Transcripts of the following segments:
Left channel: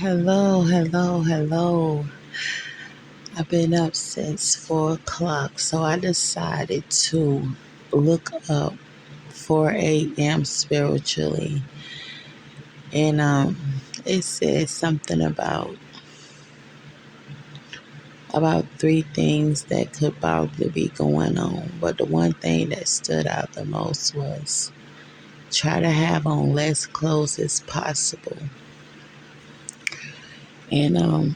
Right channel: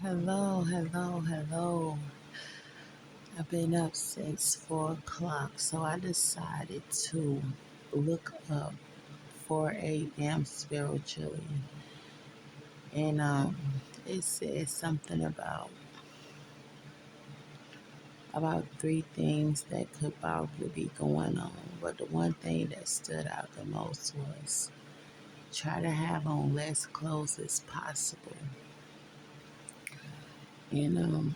Hello, hello, hello. I've been up since 4 o'clock, so I decided to look up 4 a.m. spiritually. And it says something about three things that could probably be going on. But the one thing that stood out the most was try to have on less clothes as possible. And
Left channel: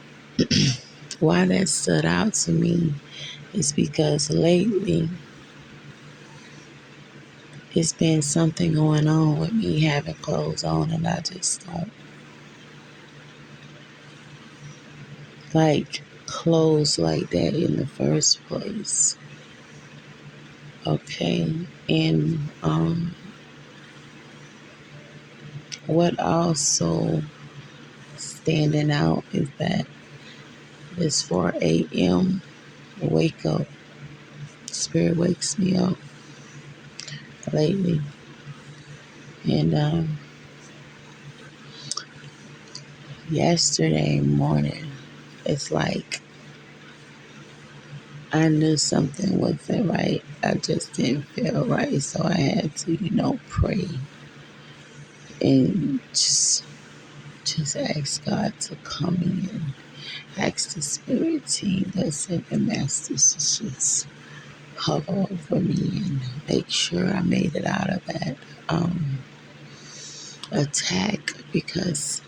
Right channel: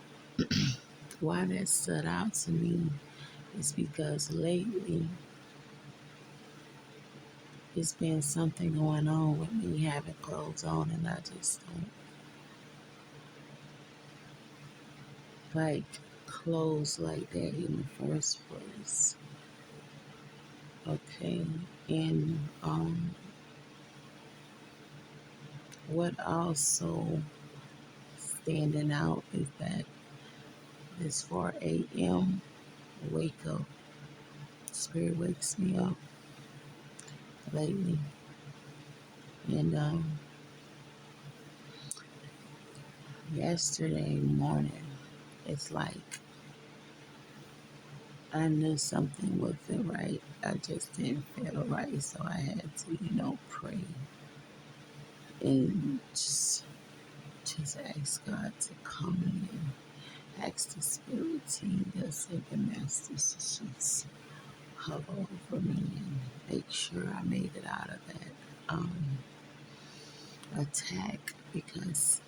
why that stood out to me is because lately it's been something going on with me having clothes on, and I just don't like clothes like that in the first place. Okay, and what also standing out is that this 4 a.m. wake up, spirit wakes me up lately, and yesterday morning, it's like I knew something wasn't right. I just didn't feel right. So I had to, pray and just ask God to come in. Ask the spirit team that's in the masters to just hover over me and make sure I made it out of that attack because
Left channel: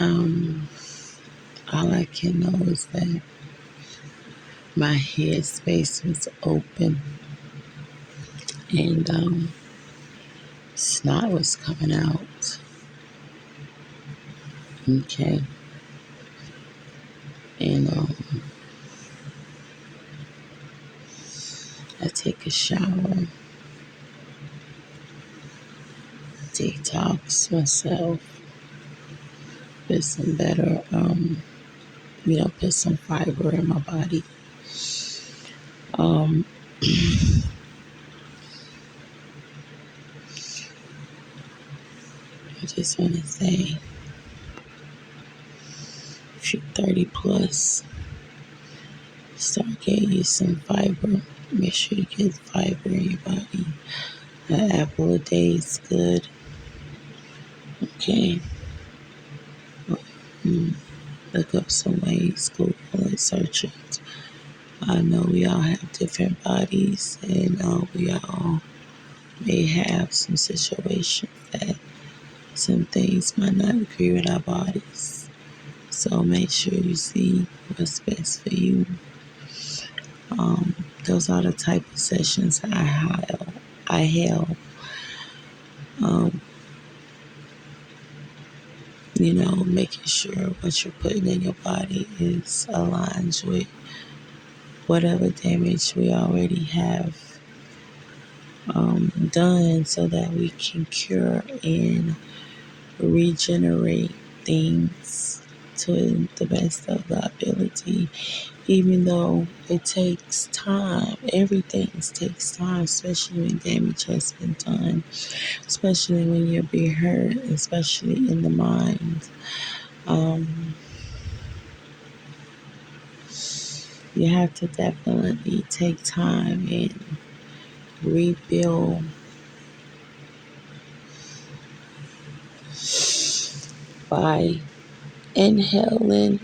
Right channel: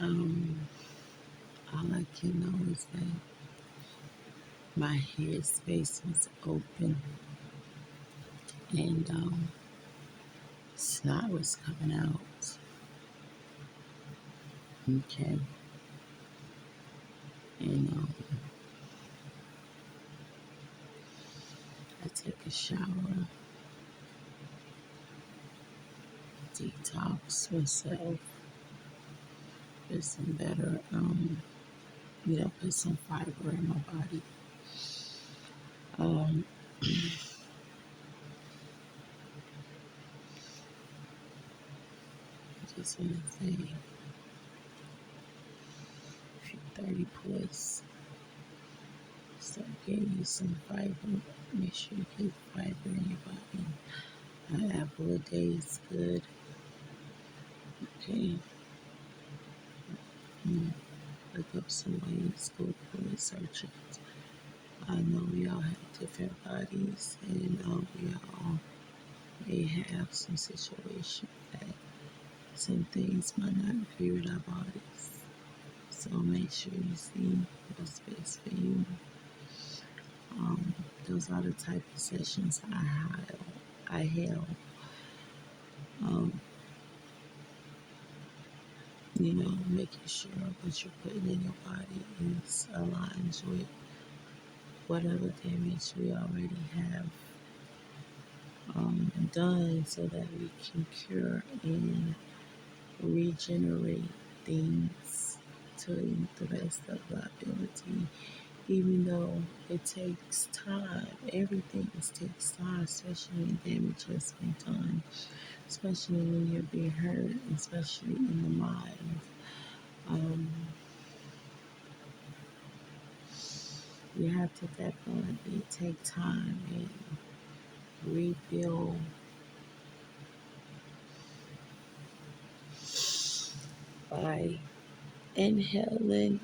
um, all I can know is that my head space was open and snot was coming out. Okay. And I take a shower, detox myself, put some better, put some fiber in my body. Um, I just want to say, if you're 30 plus, start getting you some fiber. Make sure you get fiber in your body. An apple a day is good. Okay. Mm, Look up some ways, Google it, search it. I know we all have different bodies, and we all may have some situations that some things might not agree with our bodies. So make sure you see what's best for you. Those are the type of sessions I held. Um, making sure what you're putting in your body is aligned with whatever damage we already have done so that we can cure and regenerate things to the best of the ability, even though it takes time. Everything takes time, especially when damage has been done, especially when you're being hurt, especially in the mind. Um, you have to definitely take time and rebuild by inhaling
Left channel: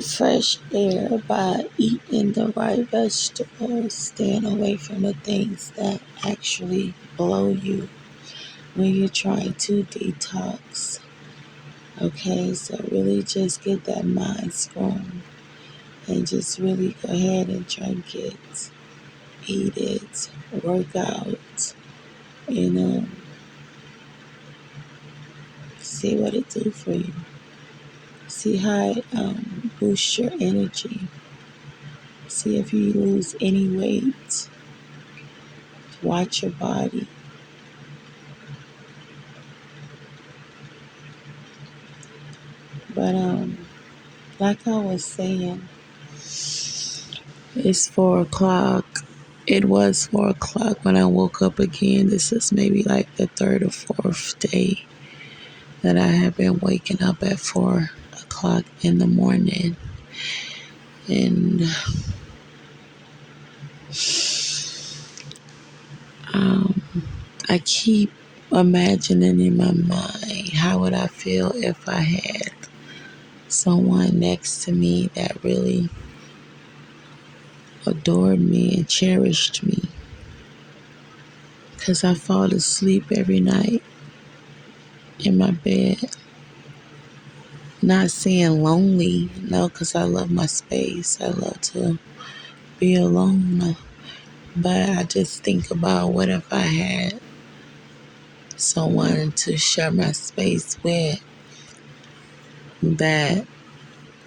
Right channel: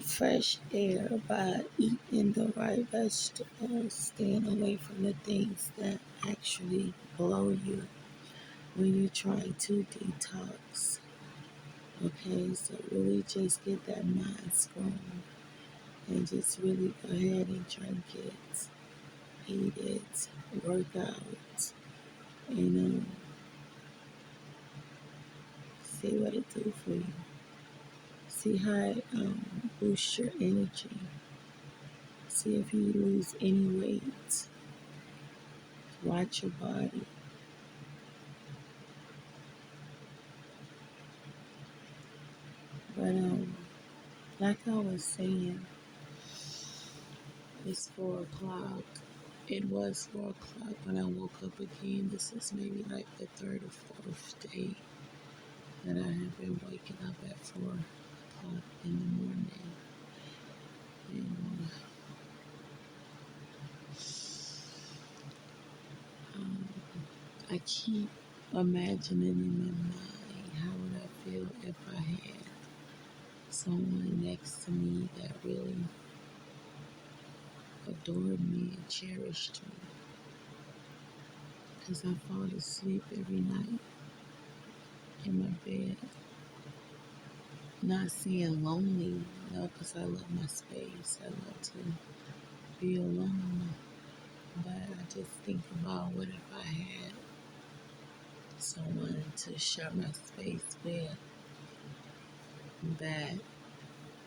fresh air, by eating the right vegetables, staying away from the things that actually blow you when you're trying to detox. Okay, so really just get that mind strong and just really go ahead and drink it, eat it, work out, you know, see what it do for you. See how it boosts your energy. See if you lose any weight. Watch your body. But like I was saying, it's 4 o'clock. It was 4 o'clock when I woke up again. This is maybe like the third or fourth day that I have been waking up at 4 o'clock in the morning, and um, I keep imagining in my mind, how would I feel if I had someone next to me that really adored me and cherished me? Because I fall asleep every night in my bed, not saying lonely, no, because I love my space. I love to be alone. But I just think about, what if I had someone to share my space with that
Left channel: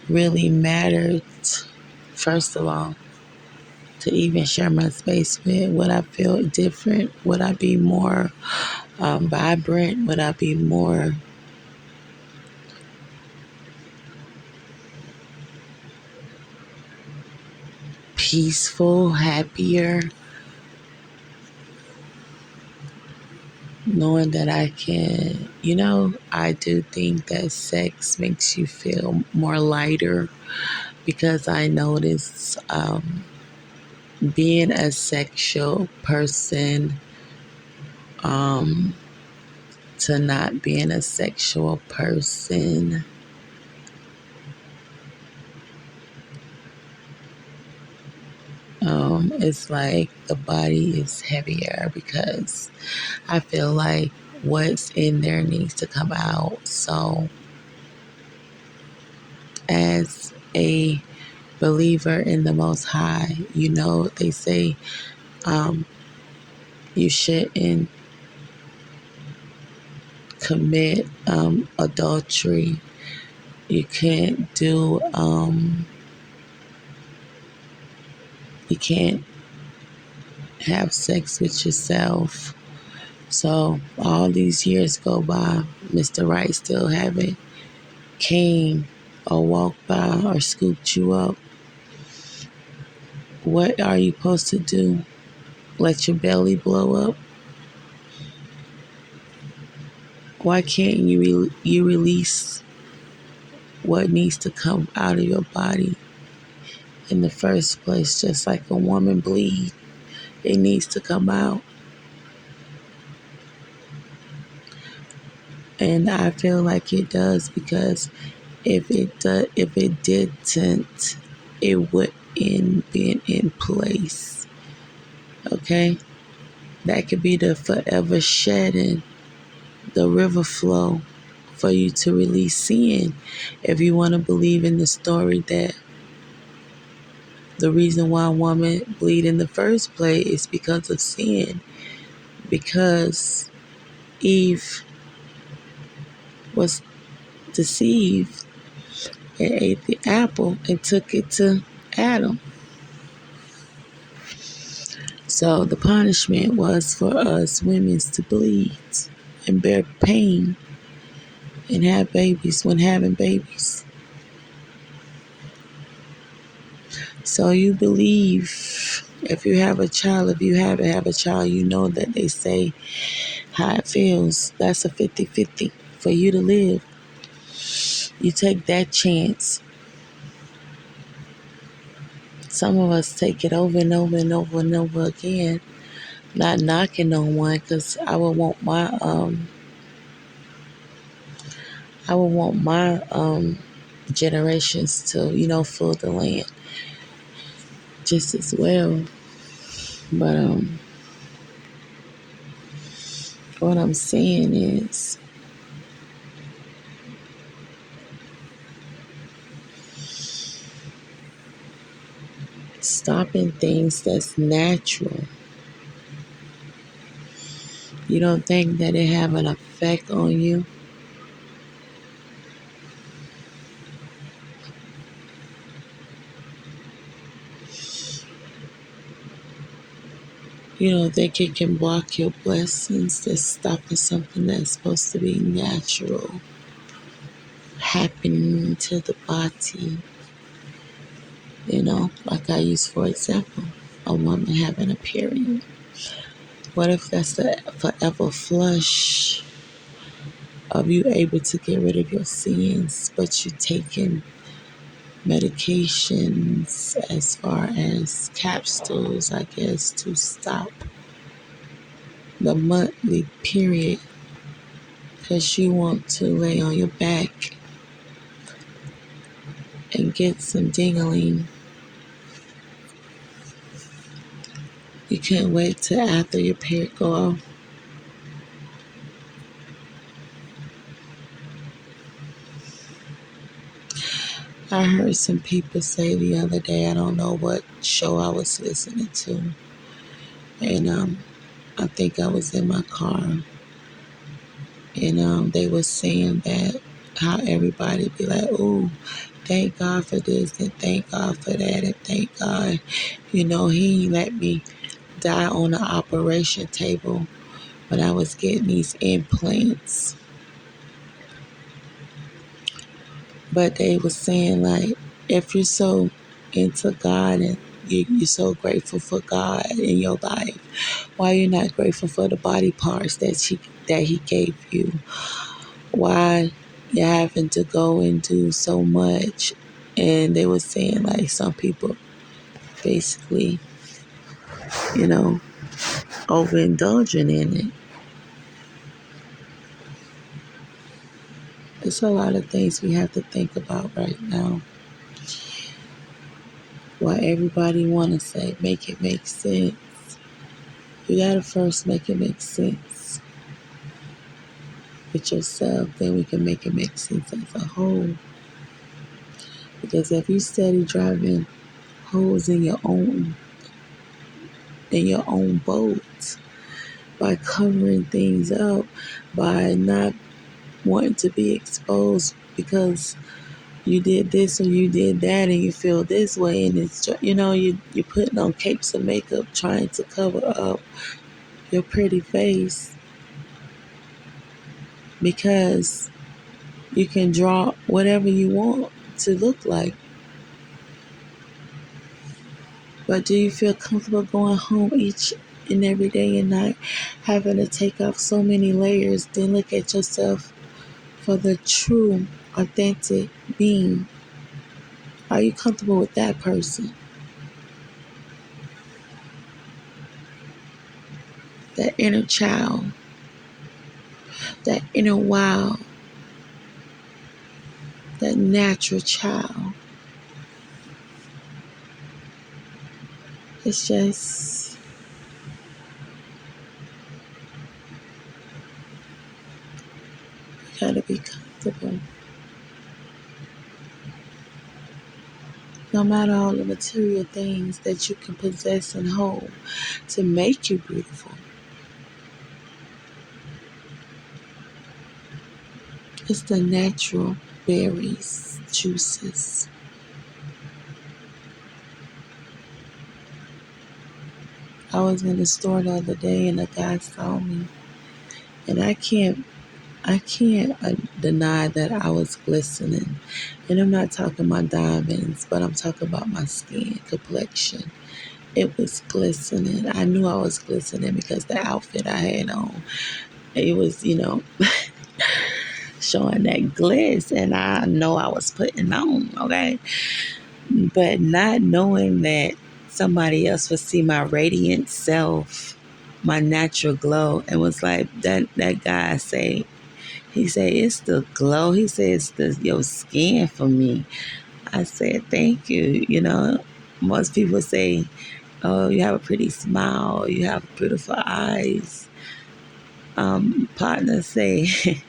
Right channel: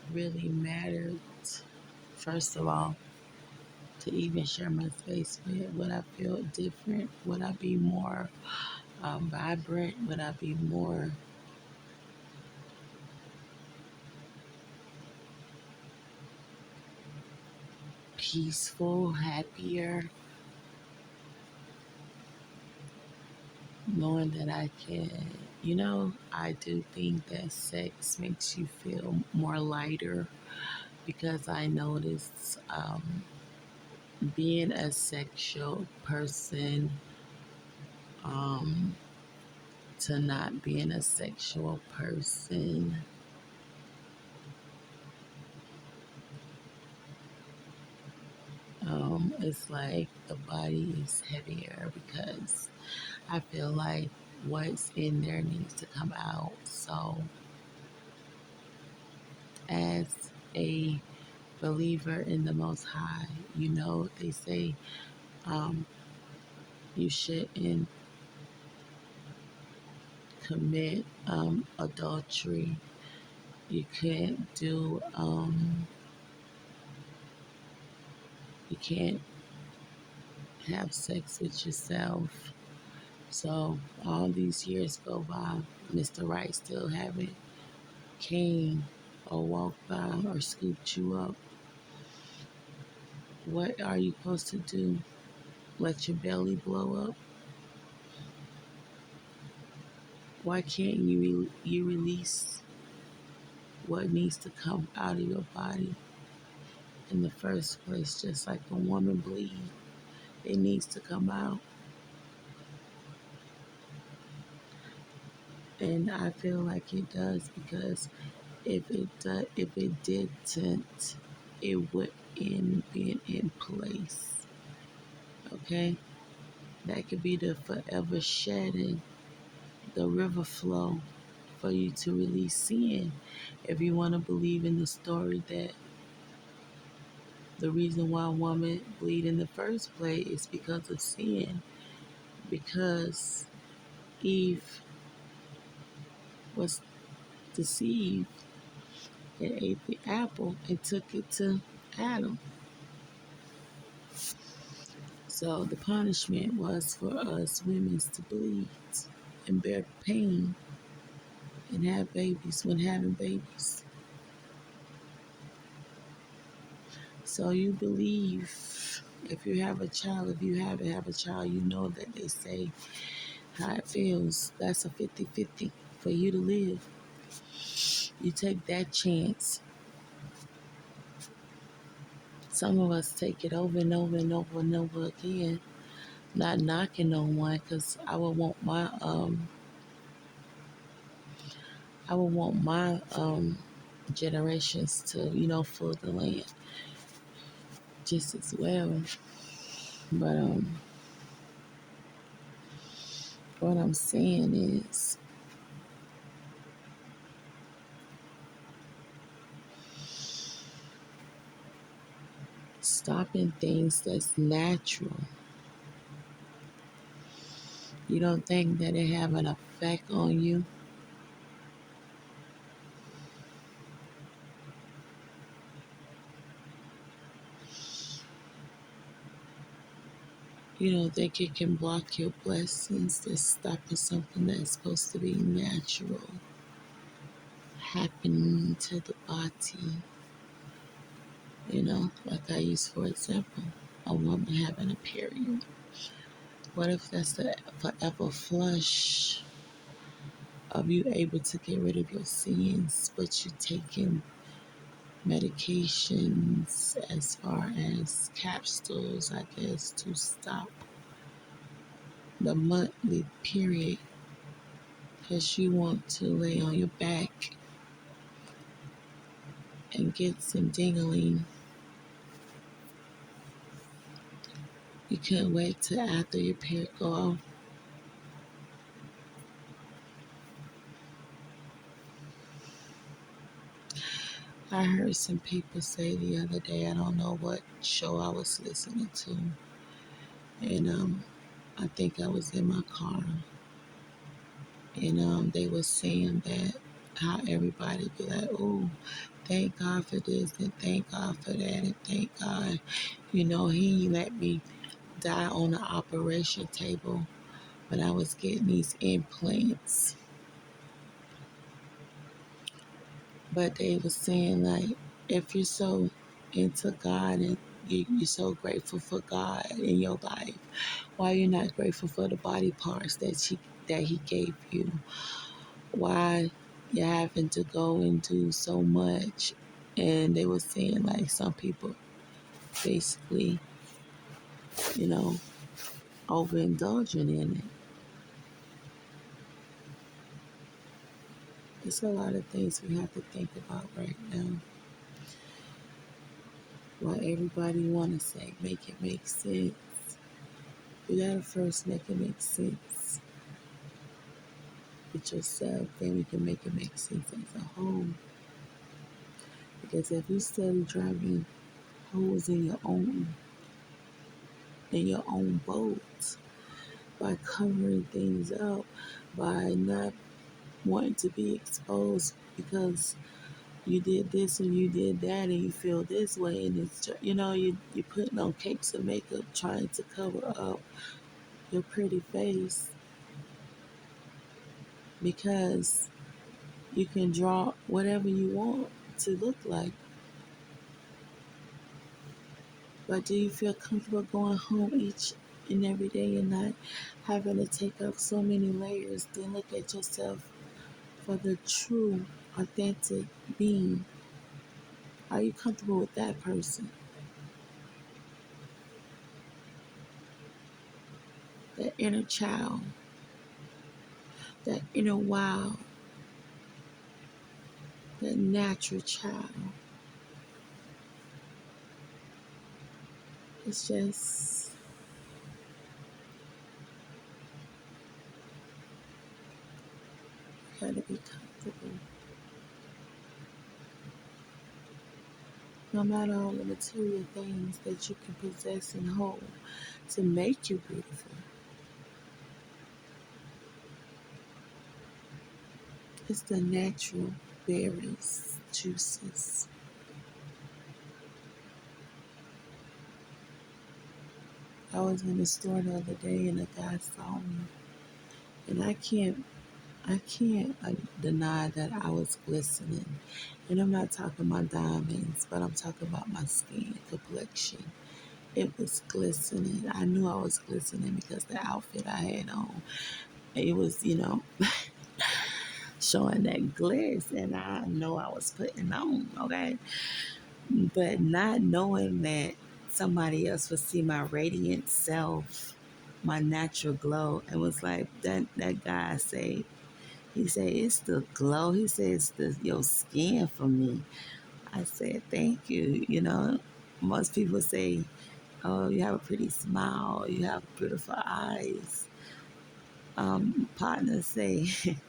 really mattered? First of all, to even share my space with, would I feel different? Would I be more vibrant? Would I be more peaceful, happier, knowing that I can, I do think that sex makes you feel more lighter, because I notice being a sexual person um, to not being a sexual person, it's like the body is heavier, because I feel like what's in there needs to come out. So, as a believer in the Most High, they say um, you shouldn't commit adultery. You can't do, you can't have sex with yourself. So all these years go by, Mr. Right still haven't came or walked by or scooped you up. What are you supposed to do? Let your belly blow up? Why can't you release what needs to come out of your body in the first place? Just like a woman bleed, it needs to come out. And I feel like it does, because if it didn't, it wouldn't be in place. Okay, that could be the forever shedding, the river flow for you to release sin. If you want to believe in the story that the reason why a woman bleed in the first place is because of sin, because Eve was deceived and ate the apple and took it to Adam. So the punishment was for us women to bleed and bear pain and have babies when having babies. So you believe, if you have a child, if you haven't have a child, you know that they say how it feels. That's a 50-50 for you to live. You take that chance. Some of us take it over and over and over and over again. Not knocking no one, because I would want my generations to, fill the land just as well. But what I'm saying is, stopping things that's natural. You don't think that it have an effect on you? You don't think it can block your blessings, that's stopping something that's supposed to be natural happening to the body? Like I use, for example, a woman having a period. What if that's the forever flush of you able to get rid of your sins, but you taking medications as far as capsules, I guess, to stop the monthly period because you want to lay on your back and get some dingling. You can't wait till after your period go off. I heard some people say the other day, I don't know what show I was listening to, and I think I was in my car, and they were saying that how everybody be like, "Ooh, thank God for this and thank God for that and thank God, He let me die on the operation table when I was getting these implants." But they were saying, like, if you're so into God and you're so grateful for God in your life, why you're not grateful for the body parts that He gave you? Why you're having to go and do so much? And they were saying, like, some people basically, you know, overindulging in it. There's a lot of things we have to think about right now. Why everybody want to say, make it make sense. You gotta first make it make sense with yourself, then we can make it make sense as a whole. Because if you steady driving holes in your own boat by covering things up, by not wanting to be exposed because you did this or you did that and you feel this way, and it's you're putting on capes of makeup trying to cover up your pretty face because you can draw whatever you want to look like. But do you feel comfortable going home each and every day and not having to take off so many layers? Then look at yourself for the true, authentic being. Are you comfortable with that person? That inner child, that inner wild, that natural child. It's just, you gotta be comfortable. No matter all the material things that you can possess and hold to make you beautiful. It's the natural berries, juices. I was in the store the other day and a guy saw me, and I can't deny that I was glistening. And I'm not talking about diamonds, but I'm talking about my skin complexion. It was glistening. I knew I was glistening because the outfit I had on, it was, showing that gliss, and I know I was putting on, okay? But not knowing that somebody else would see my radiant self, my natural glow, and was like, that guy say, he said, it's the glow. He said, it's your skin for me. I said, thank you. Most people say, oh, you have a pretty smile. You have beautiful eyes. Partners say,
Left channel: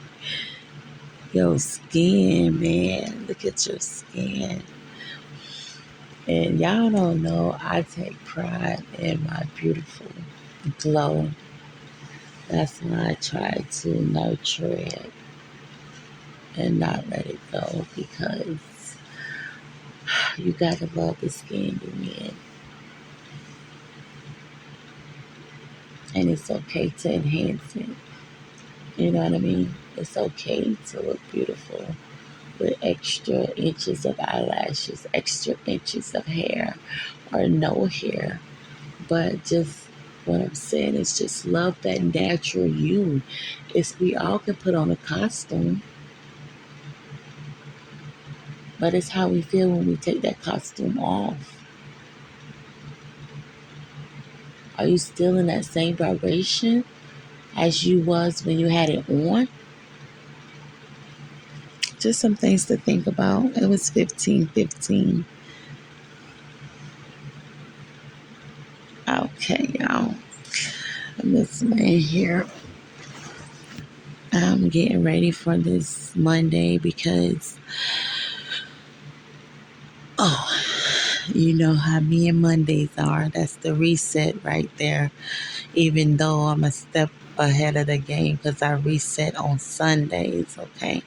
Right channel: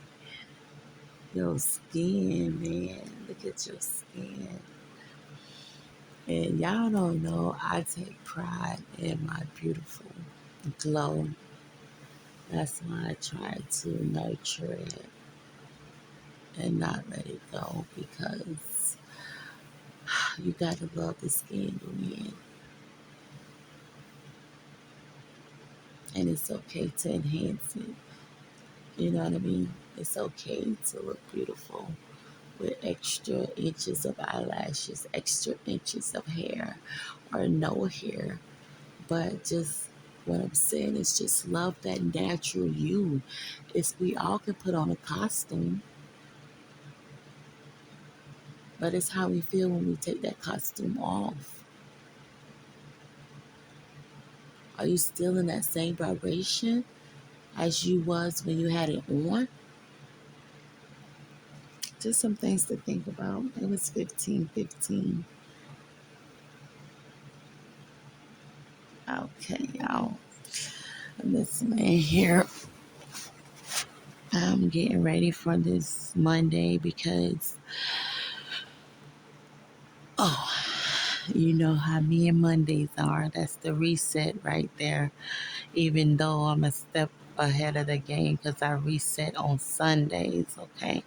your skin, man. Look at your skin. And y'all don't know, I take pride in my beautiful glow. That's why I try to nurture it and not let it go, because you gotta love the skin you're in. And it's okay to enhance it. You know what I mean? It's okay to look beautiful with extra inches of eyelashes, extra inches of hair, or no hair. But just What I'm saying is just love that natural you. It's we all can put on a costume, but it's how we feel when we take that costume off. Are you still in that same vibration as you was when you had it on? Just some things to think about. It was 15:15. Okay, y'all. This man here. I'm getting ready for this Monday because, oh, you know how me and Mondays are. That's the reset right there. Even though I'm a step ahead of the game because I reset on Sundays, okay?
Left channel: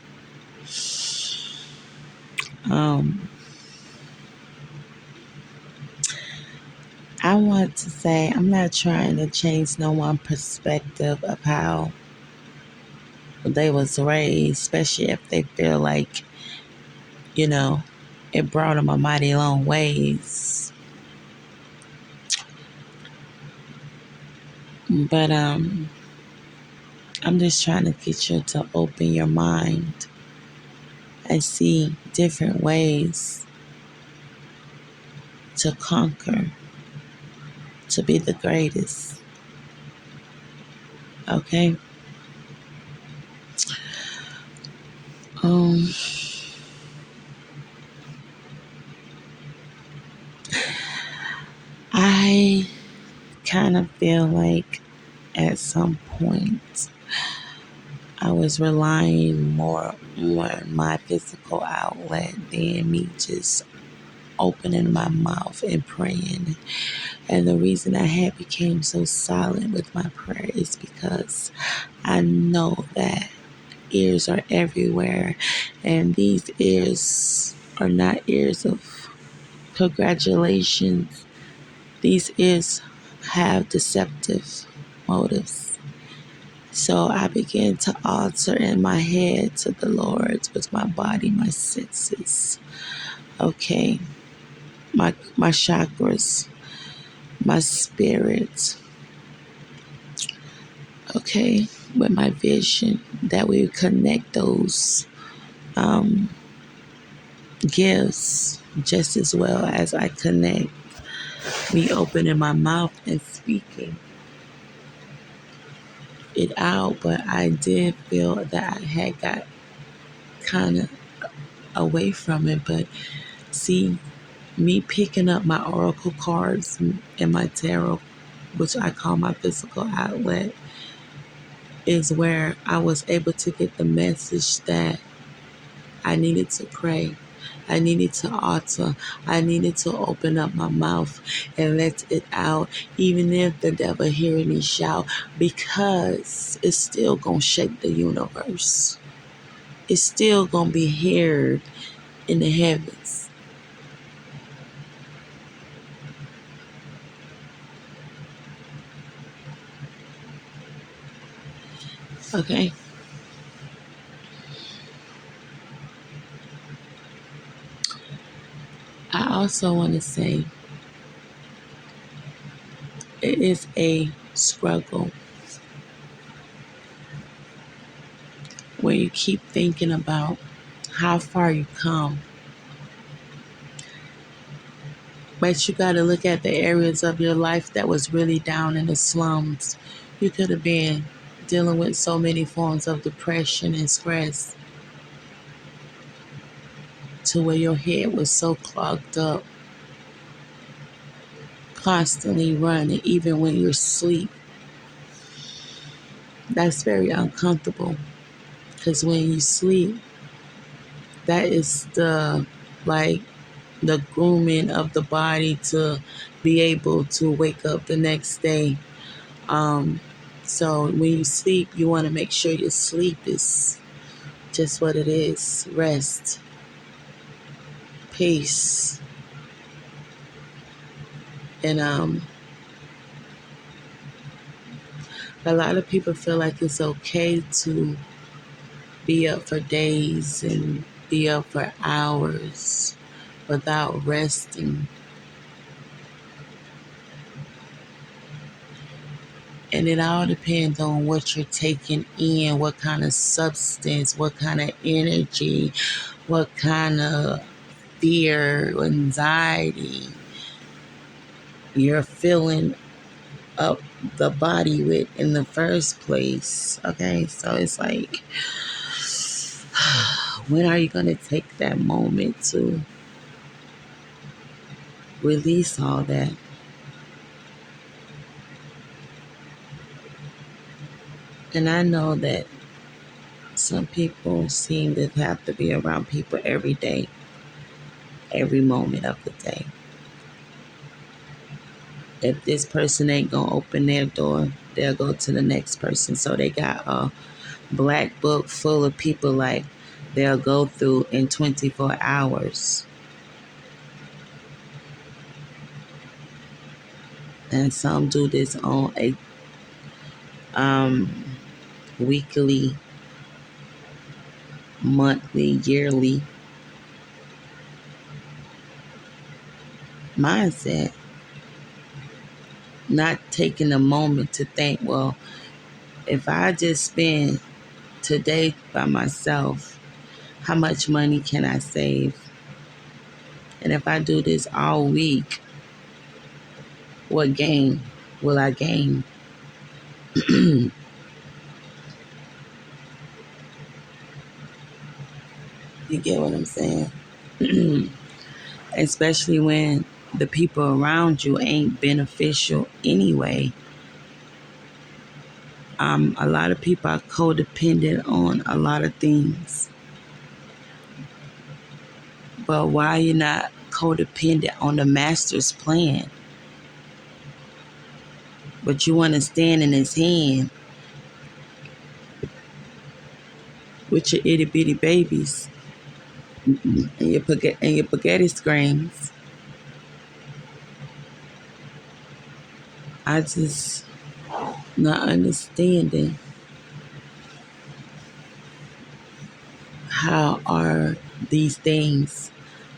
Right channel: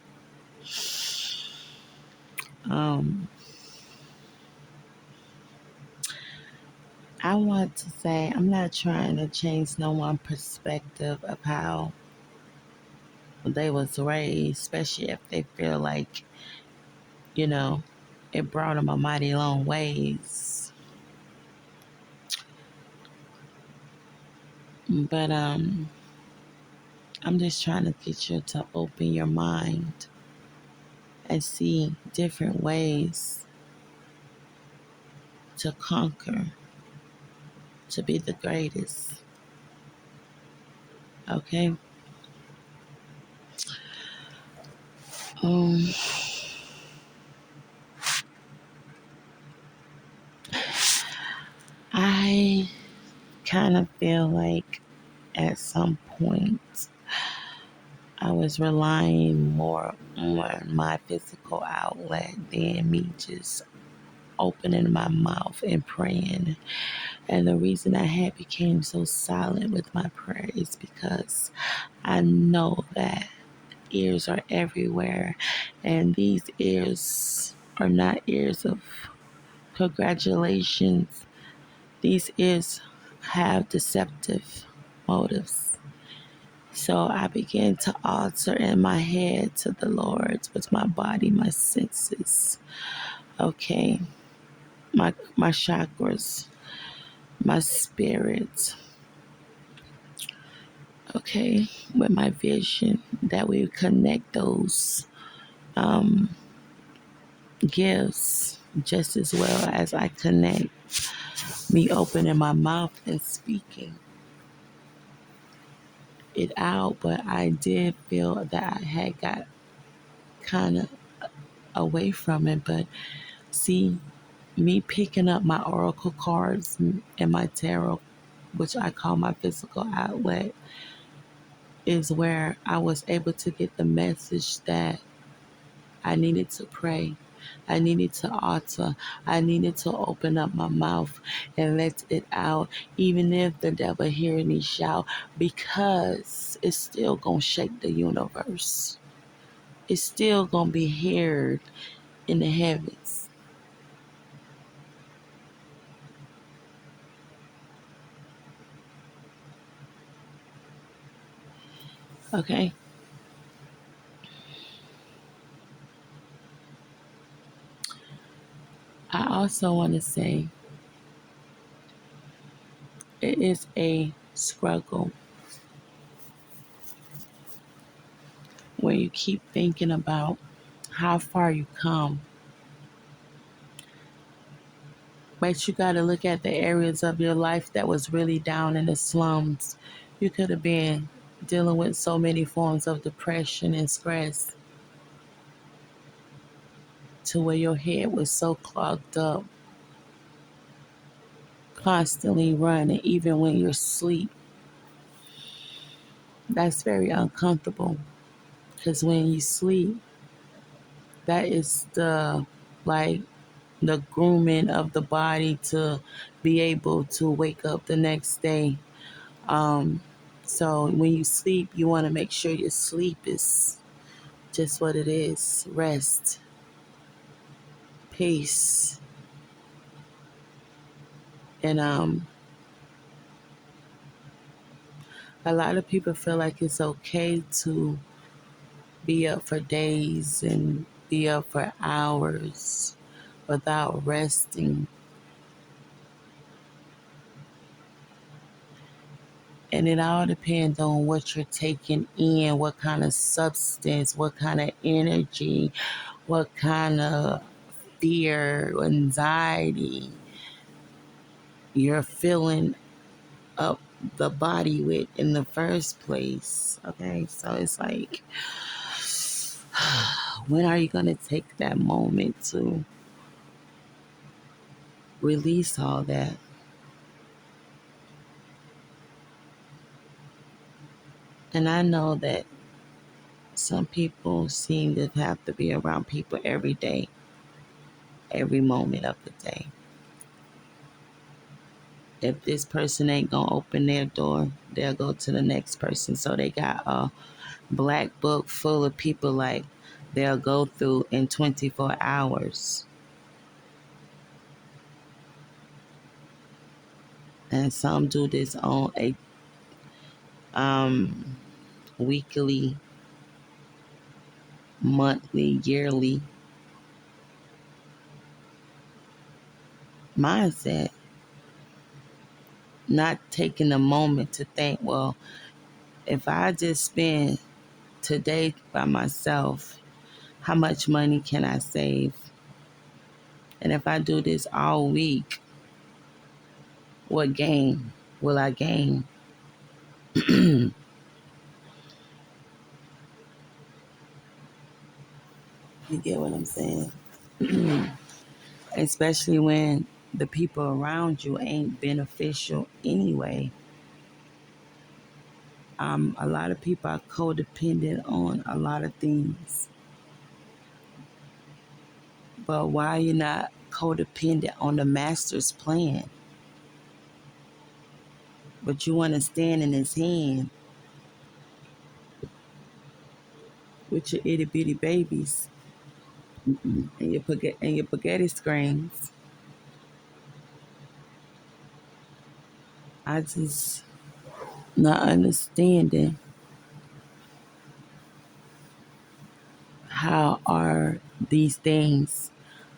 Um, I want to say I'm not trying to change no one perspective of how they was raised, especially if they feel like, you know, it brought them a mighty long ways. But I'm just trying to get you to open your mind and see different ways to conquer, to be the greatest. Okay? Um, I kind of feel like at some point I was relying more on my physical outlet than me just opening my mouth and praying. And the reason I had became so silent with my prayer is because I know that ears are everywhere, and these ears are not ears of congratulations. These ears have deceptive motives. So I began to alter in my head to the Lord with my body, my senses. Okay, my chakras, my spirit. Okay, with my vision, that we would connect those um, gifts just as well as I connect me opening my mouth and speaking it out. But I did feel that I had got kind of away from it. But see, me picking up my oracle cards and my tarot, which I call my physical outlet, is where I was able to get the message that I needed to pray. I needed to alter. I needed to open up my mouth and let it out, even if the devil hearing me shout, because it's still going to shake the universe. It's still going to be heard in the heavens. Okay? I also want to say it is a struggle when you keep thinking about how far you come. But you got to look at the areas of your life that was really down in the slums. You could have been dealing with so many forms of depression and stress to where your head was so clogged up, constantly running, even when you're asleep. That's very uncomfortable because when you sleep, that is like the grooming of the body to be able to wake up the next day. Um, so when you sleep, you want to make sure your sleep is just what it is: rest, peace, and a lot of people feel like it's okay to be up for days and be up for hours without resting. And it all depends on what you're taking in, what kind of substance, what kind of energy, what kind of fear, anxiety you're filling up the body with in the first place. Okay, so it's like, when are you going to take that moment to release all that? And I know that some people seem to have to be around people every day, every moment of the day. If this person ain't gonna open their door, they'll go to the next person. So they got a black book full of people like they'll go through in 24 hours. And some do this on a um, weekly, monthly, yearly mindset, not taking a moment to think, well, if I just spend today by myself, how much money can I save? And if I do this all week, what gain will I gain? You get what I'm saying? Especially when the people around you ain't beneficial anyway. A lot of people are codependent on a lot of things. But why you not codependent on the master's plan? But you want to stand in his hand with your itty bitty babies and your spaghetti screams. I just not understanding how are these things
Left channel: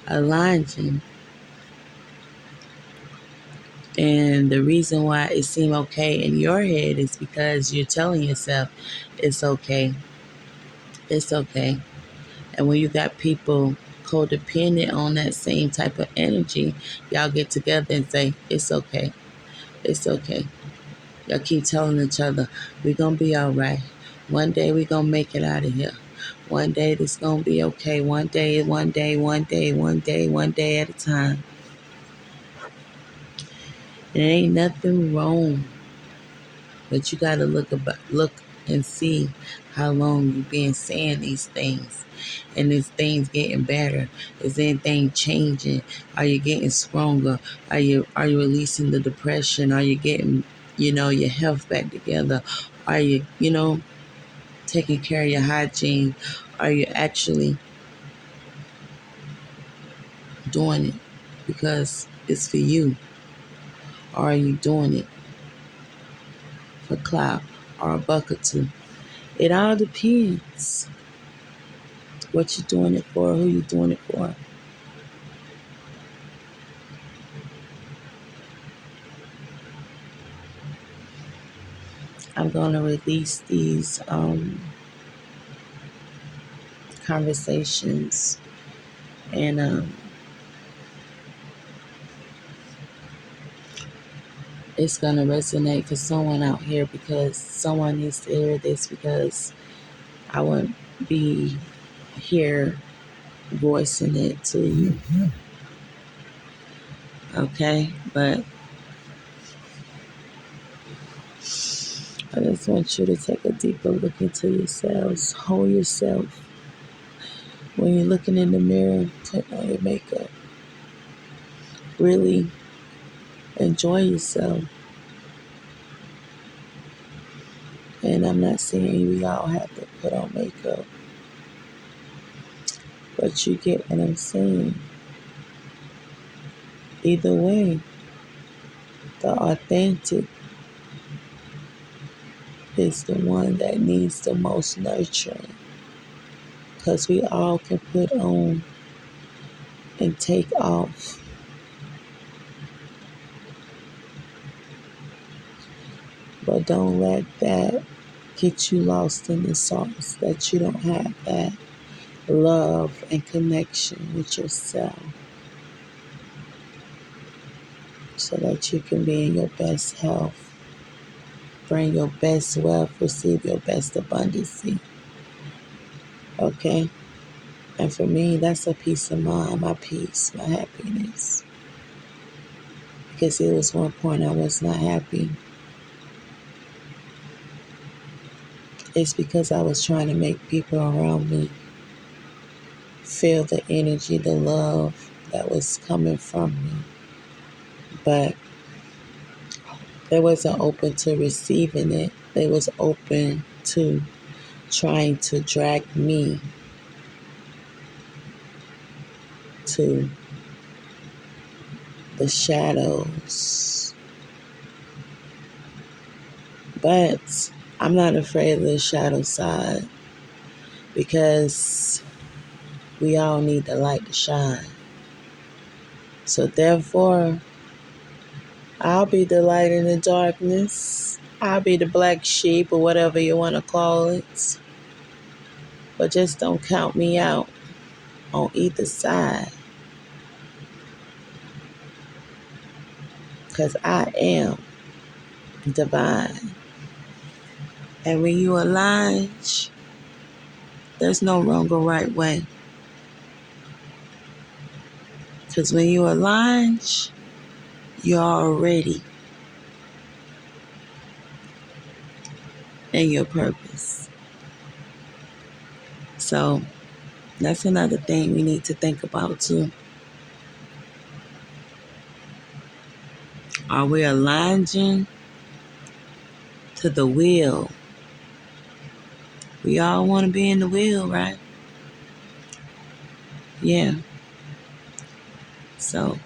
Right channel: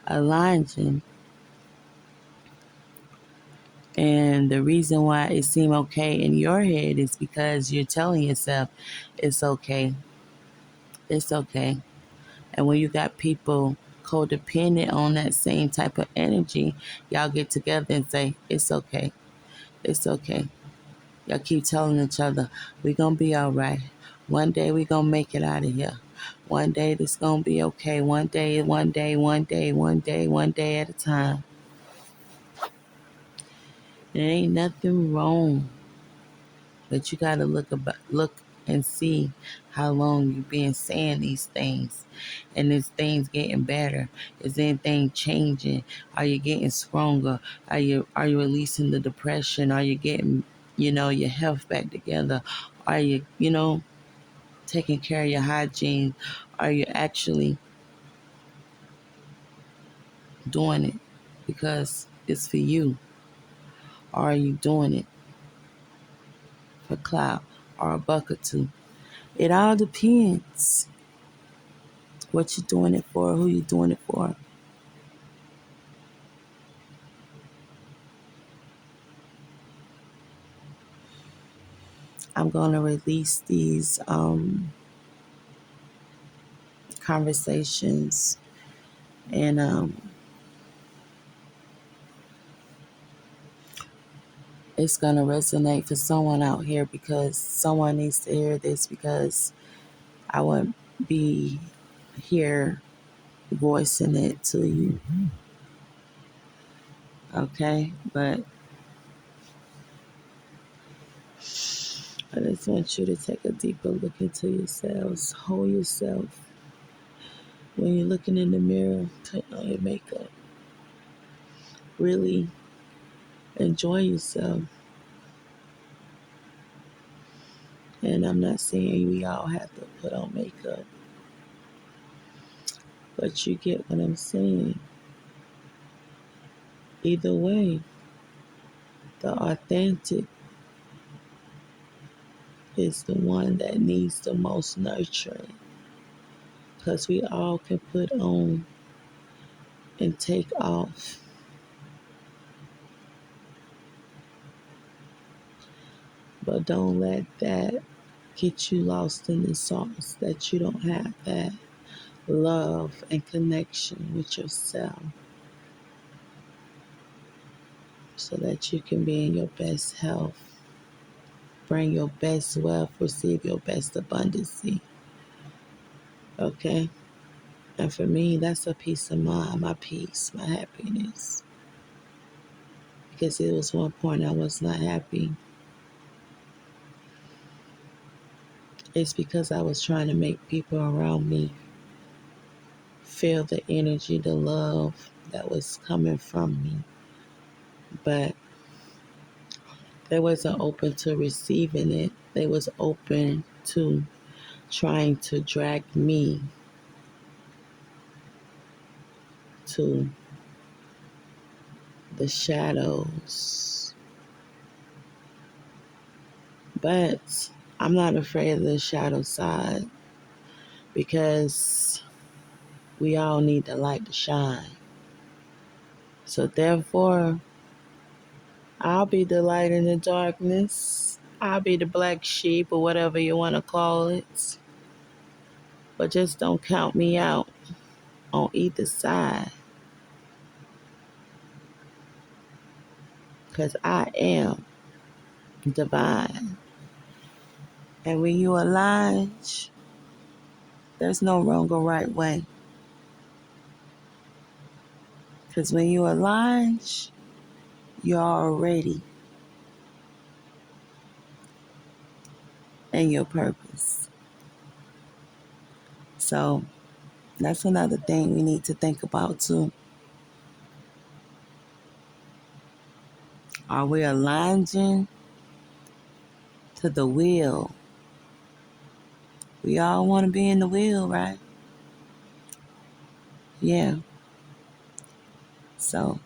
aligning. And the reason why it seemed okay in your head is because you're telling yourself it's okay. It's okay. And when you got people codependent on that same type of energy, y'all get together and say, it's okay. It's okay. Y'all keep telling each other, we're going to be all right. One day we're going to make it out of here. One day it's going to be okay. One day at a time. There ain't nothing wrong, but you got to look and see how long you been saying these things. And is things getting better? Is anything changing? Are you getting stronger? Are you releasing the depression? Are you getting, your health back together? Are you, taking care of your hygiene? Are you actually doing it because it's for you? Or are you doing it for clout or a buck or two? It all depends what you're doing it for, who you're doing it for. I'm going to release these conversations, and it's going to resonate for someone out here, because someone needs to hear this, because I won't be here voicing it to you. Okay? But I just want you to take a deeper look into yourselves. Hold yourself. When you're looking in the mirror, put on your makeup. Really enjoy yourself. And I'm not saying we all have to put on makeup, but you get what I'm saying. Either way, the authentic is the one that needs the most nurturing, because we all can put on and take off. But But don't let that get you lost in the sauce, that you don't have that love and connection with yourself so that you can be in your best health, bring your best wealth, receive your best abundance. Okay? And for me, that's a peace of mind, my peace, my happiness. Because it was one point I was not happy. It's because I was trying to make people around me feel the energy, the love that was coming from me. But they wasn't open to receiving it. They was open to trying to drag me to the shadows. But I'm not afraid of the shadow side because we all need the light to shine. So therefore, I'll be the light in the darkness. I'll be the black sheep or whatever you want to call it. But just don't count me out on either side. Because I am divine. And when you align, there's no wrong or right way. Because when you align, you're already in your purpose. So that's another thing we need to think about too. Are we aligning to the will? We all want to be in the will, right? Yeah. So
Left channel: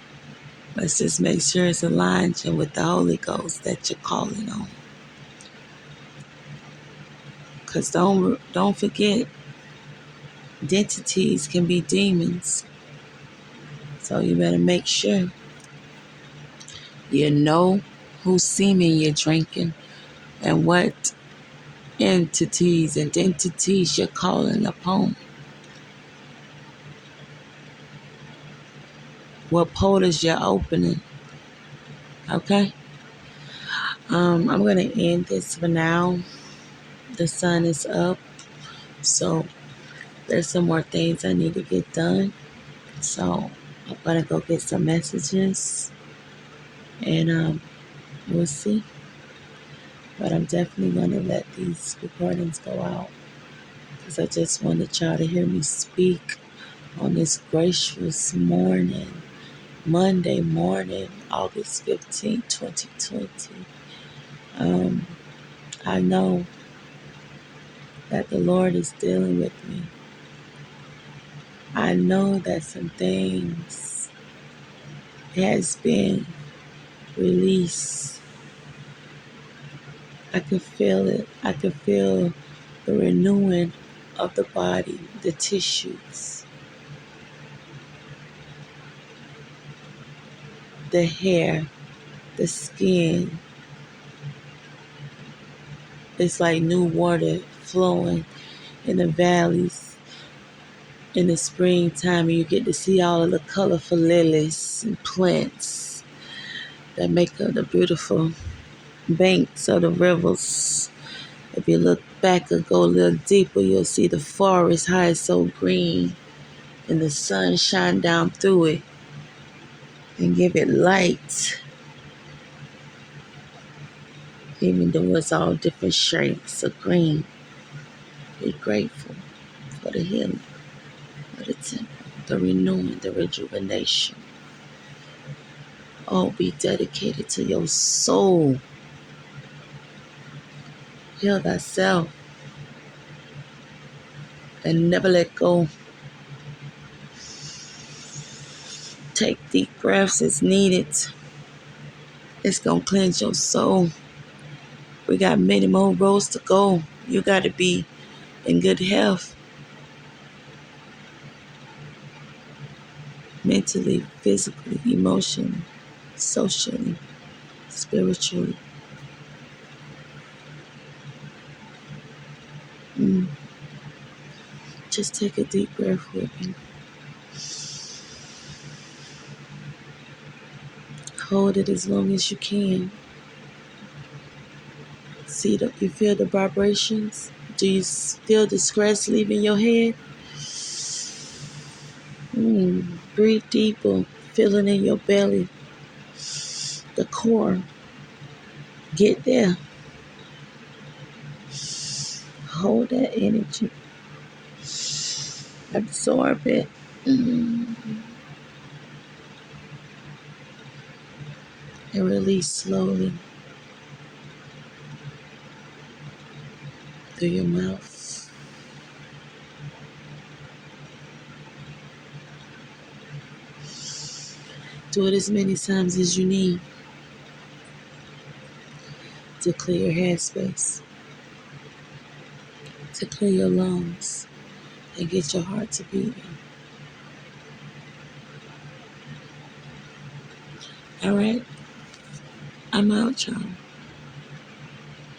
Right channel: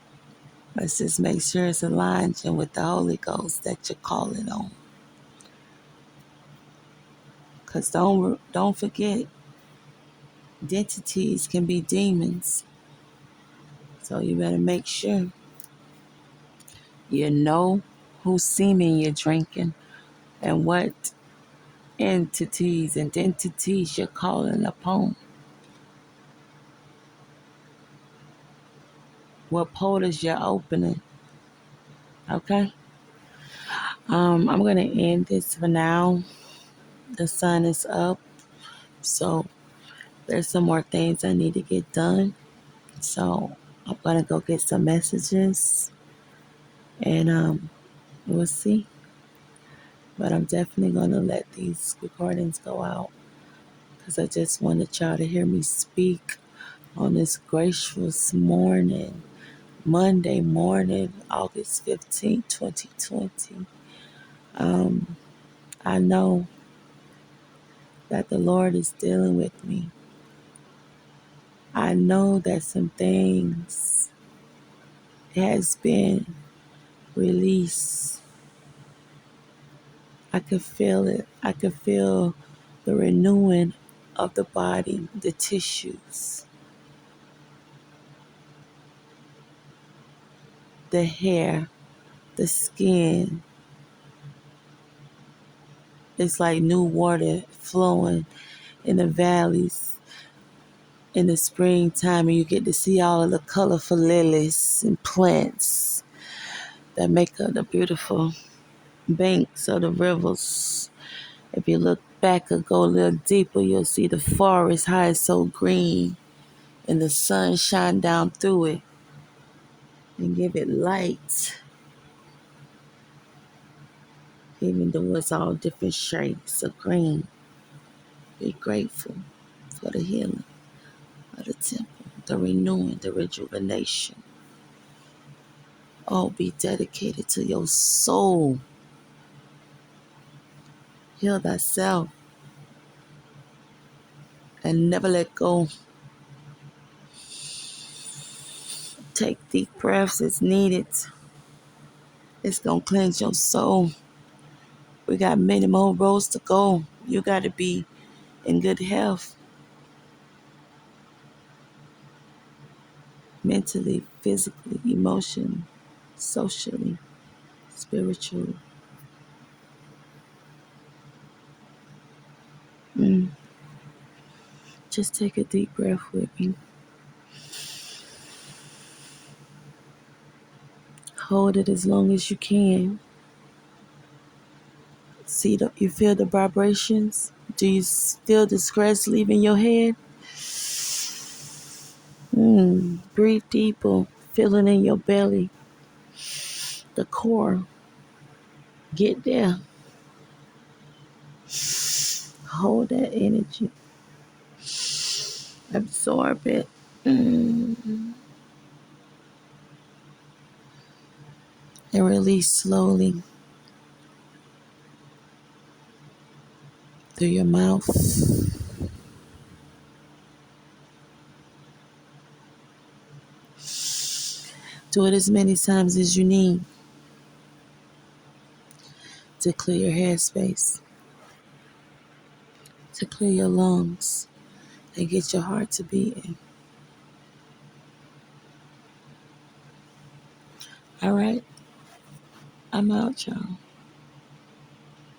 let's just make sure it's aligned with the Holy Ghost that you're calling on. Because don't forget, identities can be demons. So you better make sure you know whose semen you're drinking and what entities and identities you're calling upon. What portals you're opening. Okay? I'm going to end this for now. The sun is up. So there's some more things I need to get done. So I'm going to go get some messages. And we'll see. But I'm definitely going to let these recordings go out. Because I just wanted y'all to hear me speak on this gracious morning. Monday morning, August 15th, 2020. I know that the Lord is dealing with me. I know that some things has been released. I can feel it. I can feel the renewing of the body, the tissues, the hair, the skin. It's like new water flowing in the valleys in the springtime, and you get to see all of the colorful lilies and plants that make up the beautiful banks of the rivers. If you look back or go a little deeper, you'll see the forest, how it's so green, and the sun shine down through it and give it light, even though it's all different shades of green. Be grateful for the healing of the temple, the renewing, the rejuvenation. All be dedicated to your soul. Heal thyself and never let go. Take deep breaths as needed. It's going to cleanse your soul. We got many more roads to go. You got to be in good health. Mentally, physically, emotionally, socially, spiritually. Just take a deep breath with me. Hold it as long as you can. You feel the vibrations? Do you feel the stress leaving your head? Breathe deeper, feeling in your belly, the core. Get there. Hold that energy. Absorb it. And release slowly through your mouth. Do it as many times as you need to clear your headspace, to clear your lungs, and get your heart to beating. All right? I'm out, y'all.